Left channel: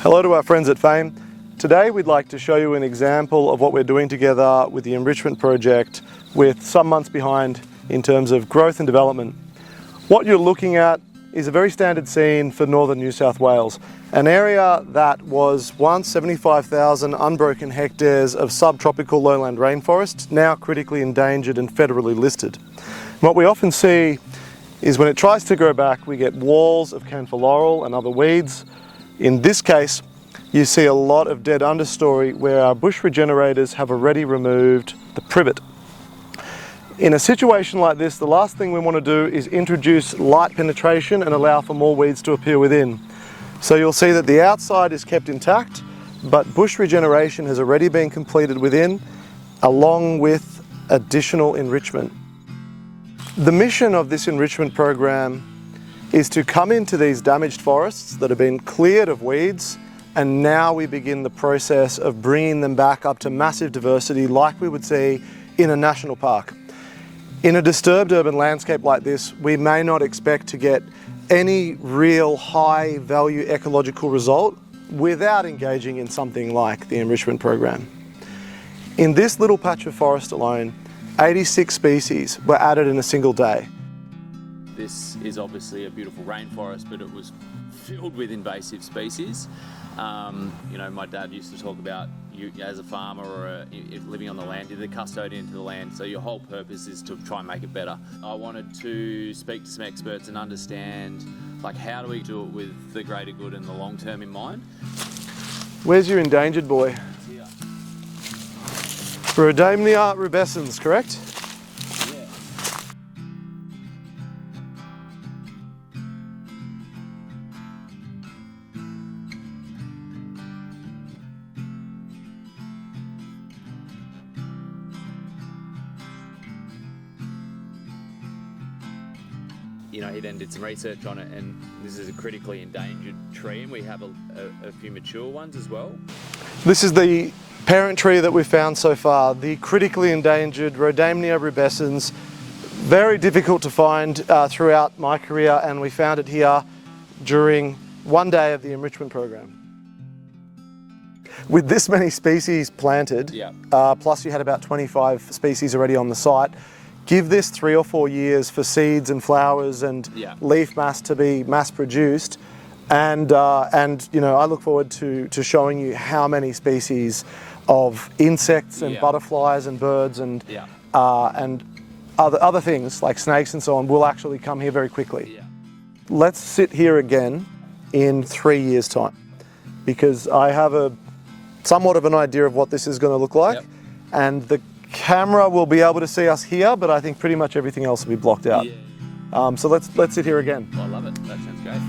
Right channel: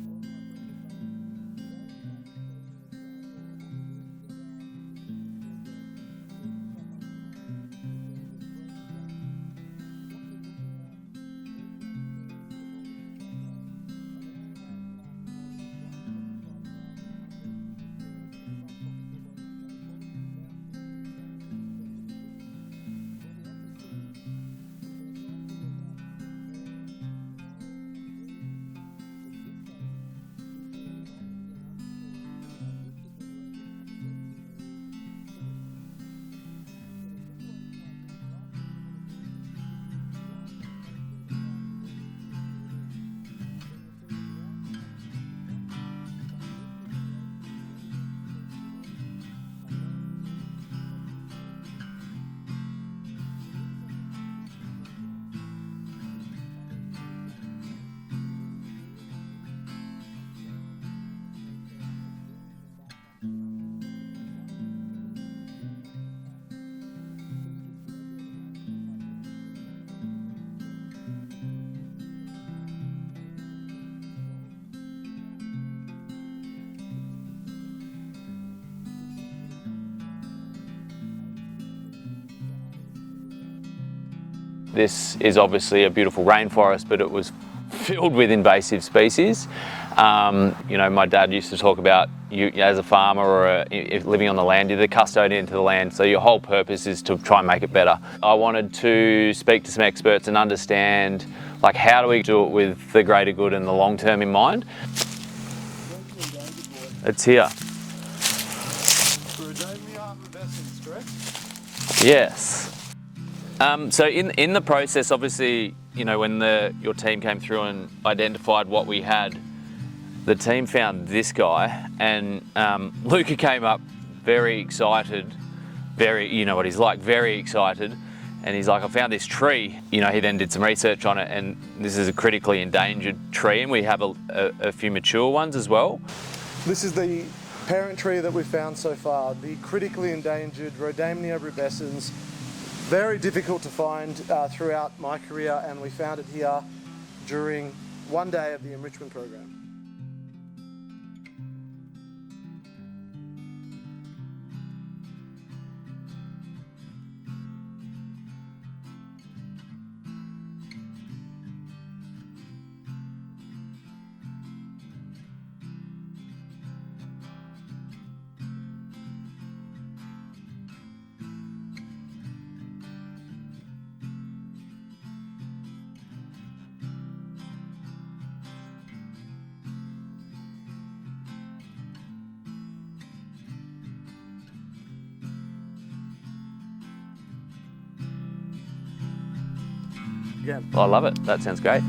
Hello to our friends at FAME. Today we'd like to show you an example of what we're doing together with the enrichment project with some months behind in terms of growth and development. What you're looking at is a very standard scene for northern New South Wales, an area that was once 75,000 unbroken hectares of subtropical lowland rainforest, now critically endangered and federally listed. What we often see is when it tries to grow back, we get walls of camphor laurel and other weeds. In this case, you see a lot of dead understory where our bush regenerators have already removed the privet. In a situation like this, the last thing we want to do is introduce light penetration and allow for more weeds to appear within. So you'll see that the outside is kept intact, but bush regeneration has already been completed within, along with additional enrichment. The mission of this enrichment program is to come into these damaged forests that have been cleared of weeds, and now we begin the process of bringing them back up to massive diversity like we would see in a national park. In a disturbed urban landscape like this, we may not expect to get any real high value ecological result without engaging in something like the enrichment program. In this little patch of forest alone, 86 species were added in a single day. This is obviously a beautiful rainforest, but it was filled with invasive species. You know, my dad used to talk about you as a farmer or living on the land, you're the custodian to the land, so your whole purpose is to try and make it better. I wanted to speak to some experts and understand, like, how do we do it with the greater good and the long term in mind? Where's your endangered boy? It's here. Rhodamnia rubescens, correct? Yes. So in the process, obviously, you know, when your team came through and identified what we had, the team found this guy, and Luca came up very excited, you know what he's like, very excited, and he's like, I found this tree. You know, he then did some research on it, and this is a critically endangered tree, and we have a few mature ones as well. This is the parent tree that we've found so far, the critically endangered Rhodamnia rubescens. Very difficult to find throughout my career, and we found it here during one day of the enrichment program. With this many species planted, plus you had about 25 species already on the site, give this 3 or 4 years for seeds and flowers and leaf mass to be mass produced, and you know, I look forward to showing you how many species of insects and butterflies and birds and other things like snakes and so on will actually come here very quickly. Let's sit here again in 3 years' time, because I have somewhat of an idea of what this is going to look like, and the camera will be able to see us here, but I think pretty much everything else will be blocked out. So let's sit here again. I love it. That sounds great.